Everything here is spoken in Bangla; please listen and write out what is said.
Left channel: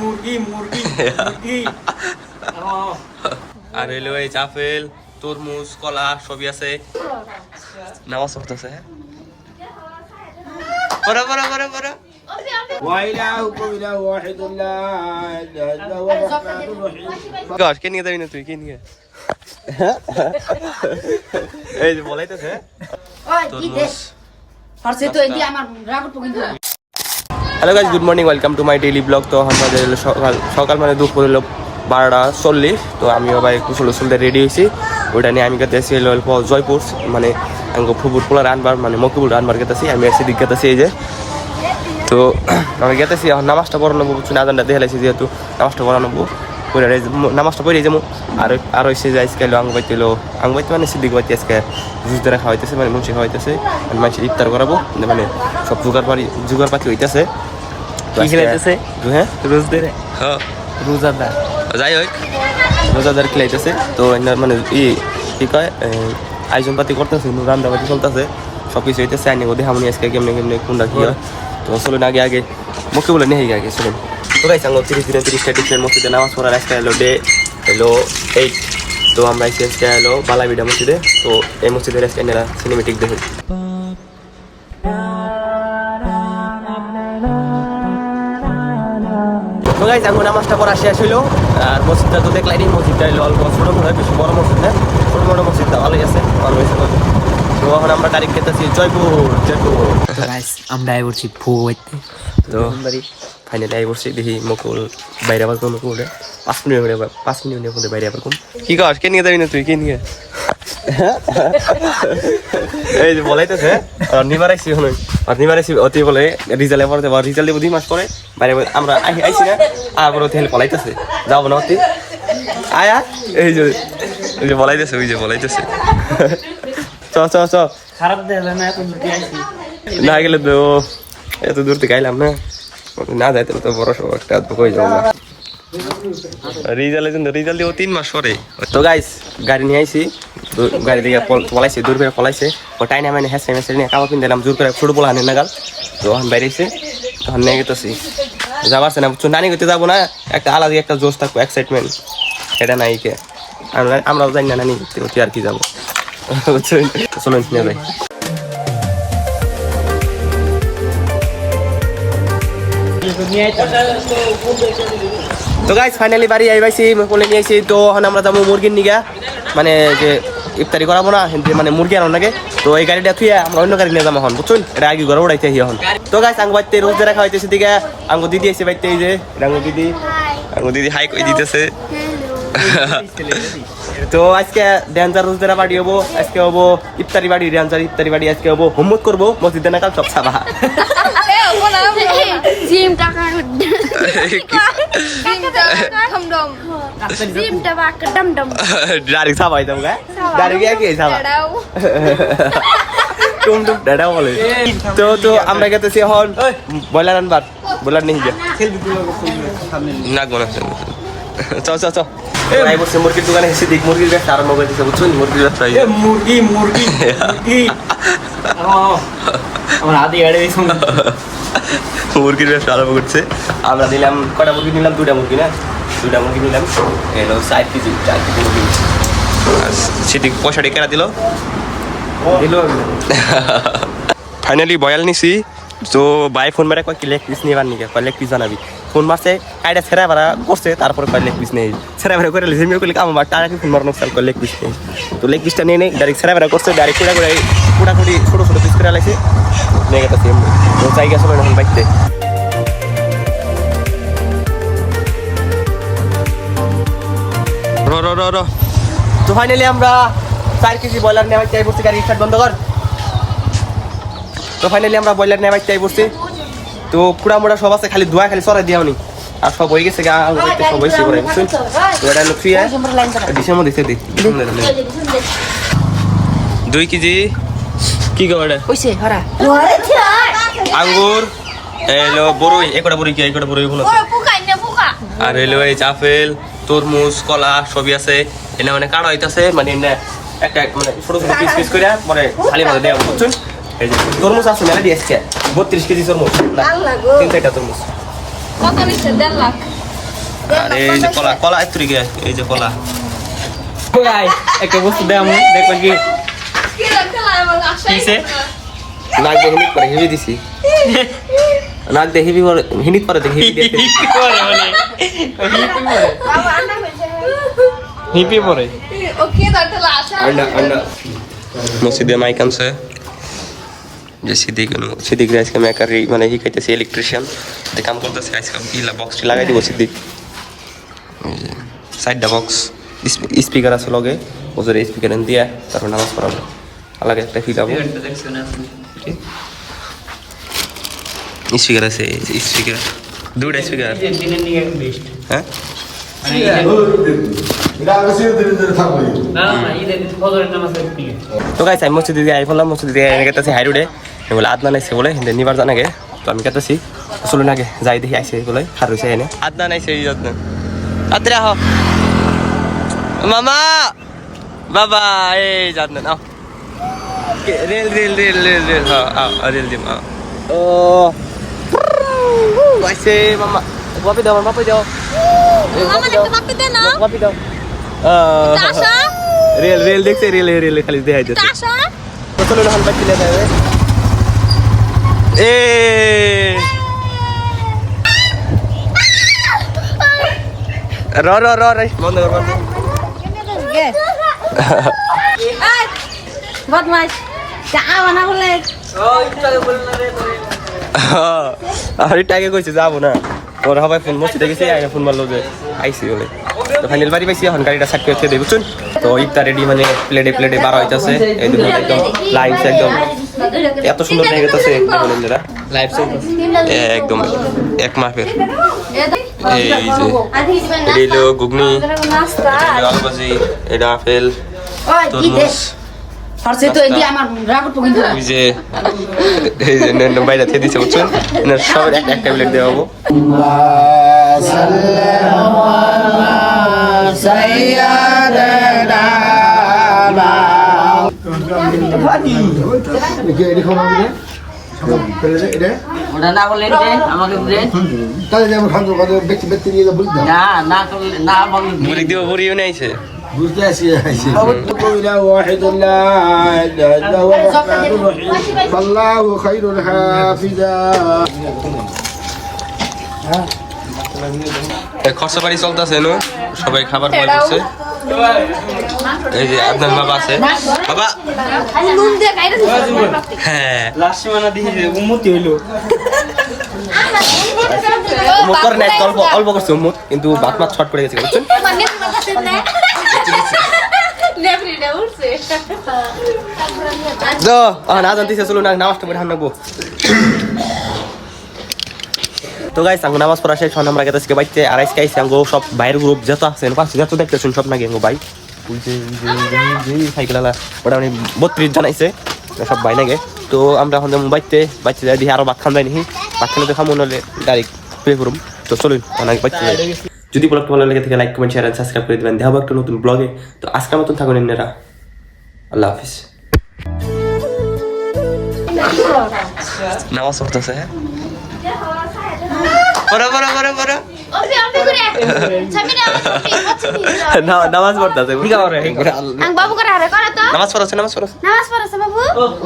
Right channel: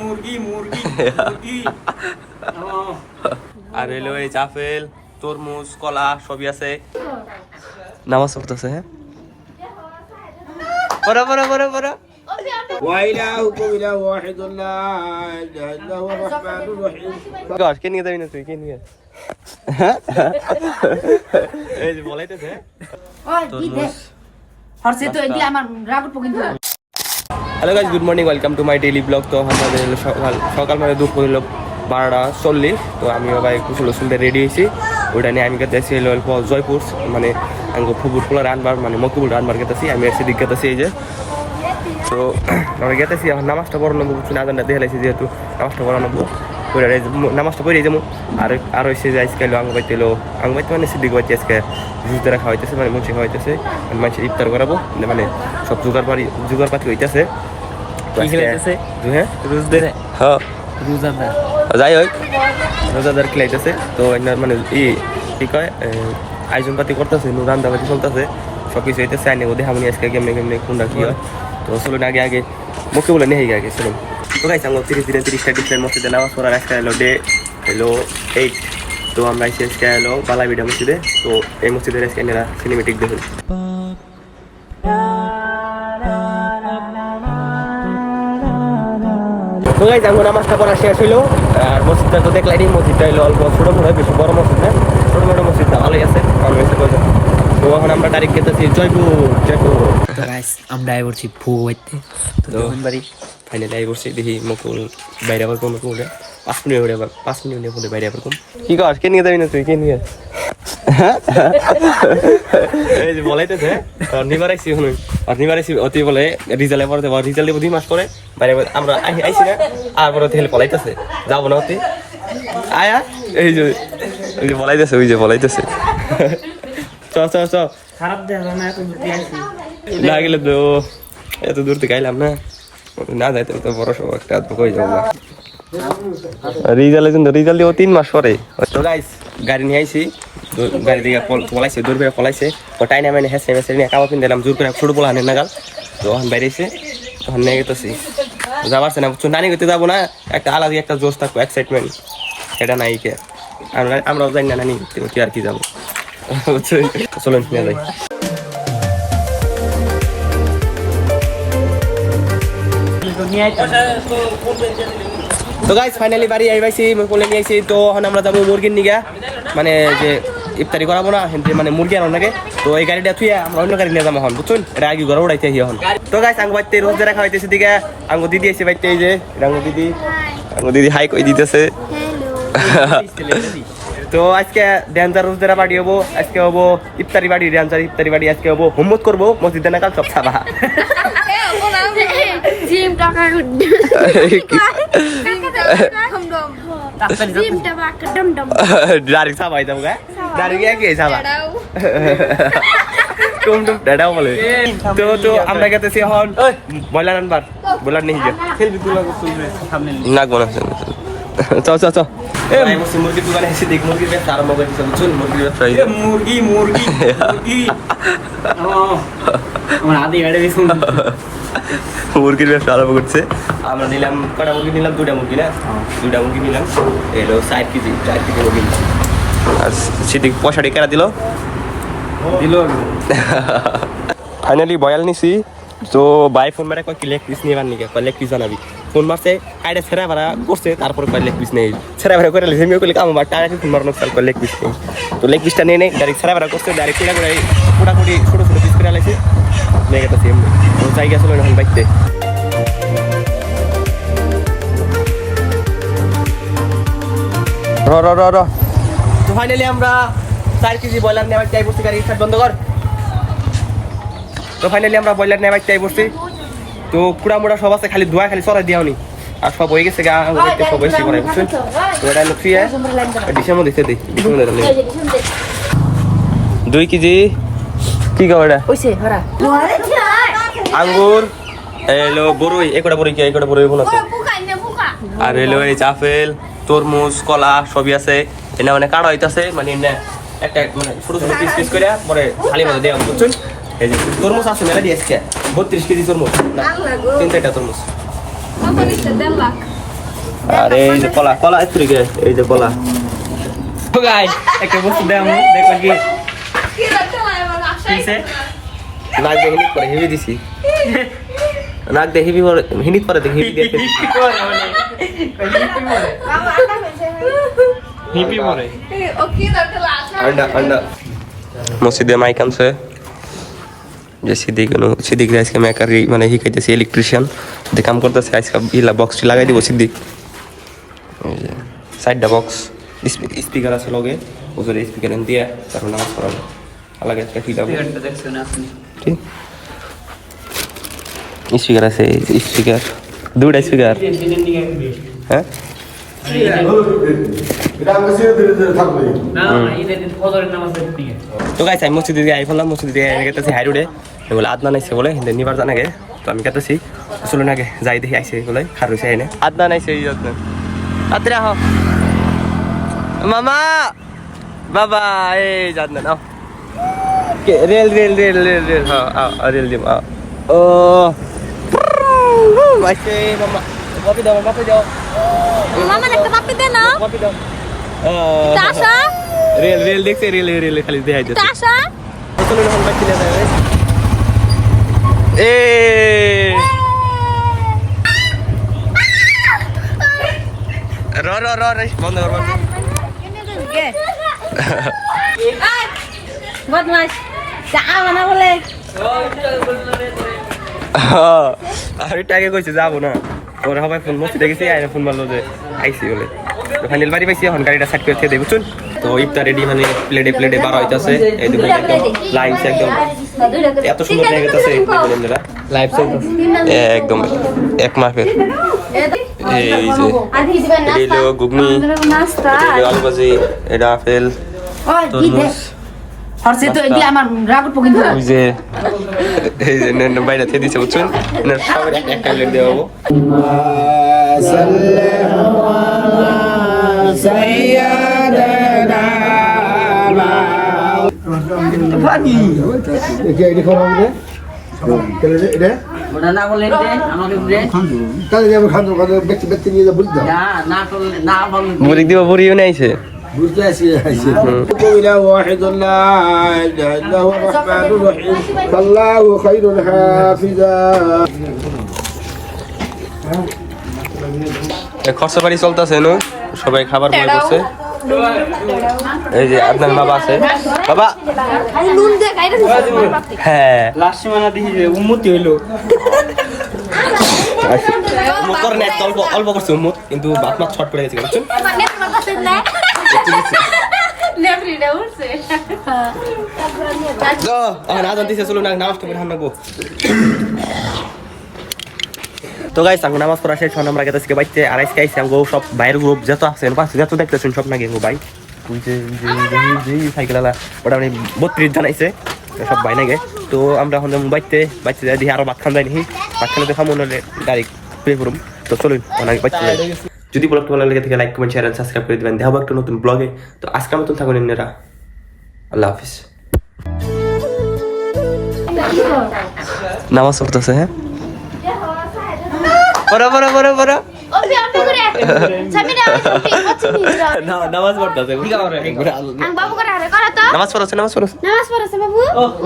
মুরগি মুরগি মুরগি আর হইলো এই আপেল তরমুজ কলা সবই আছে নামাজ পড়তেছে হ্যাঁ পড়া পড়া পড়া পড়া وإلهكم إله واحد لا إله إلا هو الرحمن الرحيم গাছ কে নিয়ে যাবি না তুই কে নিয়ে এই যে বলাইতেছে তরমুজ hello guys good morning welcome to my daily blog. তো আমাদের সকাল মানে দুপুর হলো 12:40। তো আমিও ভাই কুশল সুন্দর রেডি হয়েছি। ওইটা নিয়ে আমি গেতেছি জয়পুর মানে আমি ফুবুর পোলা রানবার মানে মকিবুল রানবার গেতেছি। আমি এসে দিক গেতেছি এই যে। তো আমি গেতেছি এখন নামাজটা পড়ানো কিছু আজানটা দেখে লাইছি যেহেতু নামাজটা পড়ানো পড়ে নামাজটা পড়ে যাবো। আর এসে যে আজকে এলো আঙ্গবাইতে মানে সিদ্দিক বাইতে আজকে রুজ দ্বারা খাওয়াইতেছে মানে মুন্সি খাওয়াইতেছে মানে মানুষের ইফতার করাবো মানে সব জোগাড় পাতি হইতেছে। হ্যাঁ রোজাদার যাই হোক রোজাদার খেলাইতেছে। তো মানে কি কয় আয়োজন পাতি করতেছে রান্দাবাতি চলতেছে সব কিছু হইতেছে। আইনে দেখামনি আজকে কেমনে কেমনে কোনটা কি হয়। তো চলুন আগে মুখে বলে নেই আগে চলুন। তো গাইস আঙ্গ 30 ডিসেম্বর মসজিদে নামাজ পড়ার আজকে হলো ডে 8। তো আমরা আজকে হলো বালাবিডা মসজিদে। তো এই মসজিদের আজকে এনারা সিনেমেটিক দেখুন। তো গাইস আঙ্গ নামাজটা পড়া শেষ হইলো। আর মসজিদটা তো দেখলাম মসজিদটা হলো অল্প ছোট বেশি বড় মসজিদ না, ছোট মোটো মসজিদটা ভালোই আছে অনেক ছোট। তো এখন আমরা ডাইরেক্ট গেতেছি জয়পুর। তো গাইস আমরা আই বলছি ফুয়াইতে। তো ফাইনালি আই বসছি দেখি মকুল বাইরে আবার কোন মকুল 5 মিনিটের মধ্যে বাইরে আবার কোন কি কর কে নিয়ে যাবি না তুই কে নিয়ে এই যে বলাইতেছে নিবারাইছি অতি বলে রিজাল্টে পরে রিজাল্ট দেবো 2 মাস পরে বাইরে আমরা আইছি না আর পরে হেলে পলাইতেছে যাবো না অতি আয়া এই যে বলাইতেছে ওই যে বলাইতেছে চ খারাপ দেবে না এত দূর দিয়ে আইছি না গেলে তো এত দূর থেকে আইলাম না যাইতে তো বড় সব একটা হয়ে যাবো না। রিজাল্ট দিব 3 মাস পরে। তো গাইস গাড়ি নিয়ে আইছি গাড়ি দিয়ে পলাইছে দূর করে পলাইছে ওটাই না মানে হেসে নিয়ে কাবা পিন দিলাম জোর করে ছোট বলা হানের নাগাল। তো এখন বাইরেছে তখন নিয়ে গেতেছি যাবারছে না বুঝছো নানি করতে যাবো না একটা আলাদা একটা জোশ থাকবো এক্সাইটমেন্ট এটা নাই কে আমরাও জানি না নানি করতে আর কি যাবো বুঝছেন। চলুন নিয়ে যাই। তো গাইস ফাইনালি বাড়ি আইবাইছি কোলে নিয়ে আইছি। তো এখন আমরা যাবো মুরগির নিগা মানে যে ইফতারি করাবো না মানে মুরগি আনার লাগে। তো এই গাড়িটা থুয়ে আমরা অন্য গাড়ি নিয়ে যাবো এখন বুঝছেন এটা আগে ঘরে উড়াইতে এখন। তো গাইস আঙ্গ বাইতে রোজ দেখা হইতেছে দিকে আঙ্গ দিদি এসে বাইতে এই যে আঙ্গ দিদি হাই কই দিতেছে। তো আজকে ড্যান্সার রোজ দেখা পার্টি হবো আজকে হবো ইফতারি বাড়ি ড্যান্সার ইফতারি বাড়ি আজকে হবো হোমওয়ার্ক করবো মসজিদে নাকাল সব সাবা ডাইরেক্ট সাবাই যাবো গা ডাইরেক্ট কি সাবা টুম দাদাও বলে। তো আমরা গেতেছি এখন ব্রয়লার আনবার ব্রয়লার নেই নাকবো না চ আই বসে মুরগির দোকানে এসে দেখ মুরগির ব্যবসা আরম্ভ করে দিচ্ছে বুঝছো মুরগির ব্যবসা মুরগি মুরগি মুরগি আমার আদি গাড়ি দেখুন মুরগির ব্যবসা আরম্ভ করছে। আমরা নিলাম কটা মুরগি নিলাম 2টা মুরগি না 2টা মুরগি নিলাম এলো 4 কেজি মুরগি আর সেটি পয়সাটি কেনা দিল ফাইনালি বয়াল নিছি। তো বাই ফোন মেরে কয় কি লেগ পিস নিয়ে বানিয়ে কয় লেগ পিস বানাবি ফোন মারছে কাইটা ছেড়া ভাড়া করছে তারপরে কয় লেগ পিস নেই ছেড়া ভাড়া করে লেগে করলে আমার টাকা ফোন মারানো চাল কয় লেগ পিস নেই। তো লেগ পিসটা নিয়ে নেই ডাইরেক্ট ছেড়া ভাড়া করছে ডাইরেক্ট কুড়াকুড়ি ছোটো পিস করে আলাইছে নিয়ে গেছে। তো জায়গা চলো এখন বাইকতে র তো ফাইনালি আমরা 4 কেজি ব্রয়লার নেওয়া চাই পড়ছি গাড়ি স্টার্ট বন্ধ কর। তো ফাইনালি আমরা ব্রয়লার নেওয়া চাই পড়ছি। তো কুড়া মুড়া সব আছে খালি ধোয়া খালি চড়াই দিওনি আর সব হয়ে গেছে গা সব হয়েছে করে বুঝছেন। তো এটা লুকিয়ে ডিসেম্বর দিতে দিই 2 কেজি কি কো এটা আঙ্গুর এলো বড়ই একটা বড়ই কি একটা বড়ই কোন আছে আর এলো এই আপেল তরমুজ কলা সবই আছে এনে মানে কাটা হইতাছে মানে এমনি একটা মানে ছোট পিস করে পরে খালি ভাবে দেওয়া বুঝছেন। এই যে তরমুজ আছে মেলা দিয়ে আসছে 32 কেজি তরমুজ না 3টা তরমুজ কত নিচ্ছে 1.5 লাখ আরে এই যে কলা কলা এত্রিকে এই যে কলা গাইস একটা বস্তু দাও দেখো কি কিসে নাক দিয়ে হিনিট করে হেভি দিছি নাক দিয়ে হেভি হিনিট করে দেখি হেভি দিয়েছে হিপি পরে अंडा अंडा मस्जिदे माइक आनছে যে সিদ্দিক নো সিদ্দিক আজকে মেকারি মানে হি কইতেছে ইলেকট্রিশিয়ান তে কাম করতেছে আজকে ইলা বক্স লাগাই দিব সিদ্দিক সাইডটা বক্স স্পিকার আছে লগে ওজরে স্পিকার এন দিয়া তারপর নামাজ পড়াবো আলাদা একটা স্পিকার দেখছেন আপনি স্পিকার আছে স্পিকার দুইটা স্পিকার হ্যাঁ তো গাইস আমি মসজিদে দিয়ে আইফলাম মসজিদে দিয়ে আমি গেতেছি হাই রোডে বলে আদনান আইসে বলে হিন্দে নিবার জানাগে তো আমি গেতেছি চলুন আগে যাই দেখি আইসে বলে হার হয়েছে এনে আদনান আইসে এই আদনান আত্রে আহ মামা বাবা এই আদনান আও rail rail rail rail rail হ্যাঁ রেল দিম ও আইসে মামা কপি দাও মাপি দাও কপি দাও রেল রেল দেখছে রেল রেল খালি দেখাই দিচ্ছে তো চলো এখন বাচ্চি না যাবে এ র র র রে বন্ধ কর বন্ধ বদমাশ চা বানা বলে আরে টাকে কইছে যাবো না ওর সবাই ফোন মসজিদে গেছি আইনা ফোন মারলো যে আইসি বলে তো ফাইনাল বাড়ি পাইছি এখন গাড়িটা সাইড করে দিয়ে বুঝছেন তো ইফতার রেডি মানে প্লেটে বার হইতাছে এই দেখুন একদম লাইভ একদম এত সুন্দর দেখে গেছে দেখুন এরা লাইভ সাইড একদম এক মাপের এই যে এটা হলো ঘুগনি এটা হলো আলু ভাজি এটা আপেল তরমুজ হরছে তো এদি আমার রাগত পকিন ধরে ওই যে এই যে নেন বাইরে থেকে দিছে বুঝছেন না সব একটা ট্যাবলেট দেওয়া হবো ওটা না করলে আমাকে দেন তাহলে যাবো খাদ্য কথা ব্যক্তি ব্যক্তি নিয়ে যাবো বুঝলাম না না করলে না বল বুড়ি দিব বুড়িও নিয়ে আইছে বুঝতে আসি إله واحد لا إله إلا هو الرحمن الرحيم فالله خير حافظا খরচা বাড়ি চলতেছে নো সবাই খাবার বয় করছে এই যে আদনান বাবা আছে বাবা নুন দিয়ে গাইরা হ্যাঁ লাস্ট মানে দেখি উন্মতি হইলো মুখ করে না অল্প অল্প করছে মুখ কিন্তু বাপ মা ছট পড়ে গেছে বুঝছেন মানে মাথাতে না নেভরিডে উঠছে তো না জানতেছে চলো না নামাজটা পড়ে হামনাগো তো গাইস আঙ্গো নামাজ পড়া শেষ হন আমরা গেছে আজকে বাইতে আর আজকে আইছি আঙ্গো সব বাইরের গ্রুপ যত আছে পাশে যত দেখতেছেন সব নাকি আঙ্গো ভাই ওই যে সাইকেলওয়ালা ওটা মানে 32 জন আইছে সব ভাই নাকি তো আমরা এখন বাইতে যাই দেখি আরো ভাত খান যাই নাকি ভাত খানে তো খামো নাহলে ডাইরেক্ট পেয়ে পড়ুম তো চলুন অনেক বাইতে যাই যদি ব্লগটা ভালো লাগে থেকে like comment share and subscribe করে দিবেন দেখাবো একটা নতুন ব্লগে তো আজকের মতন থাকুন এমনিরা আল্লাহ হাফিজ নামাজ পড়তেছে হ্যাঁ পড়া নামাজ পড়তেছে বাবু করে আরে করে তো নামাজ পড়ছে নামাজ পড়ছে বাবু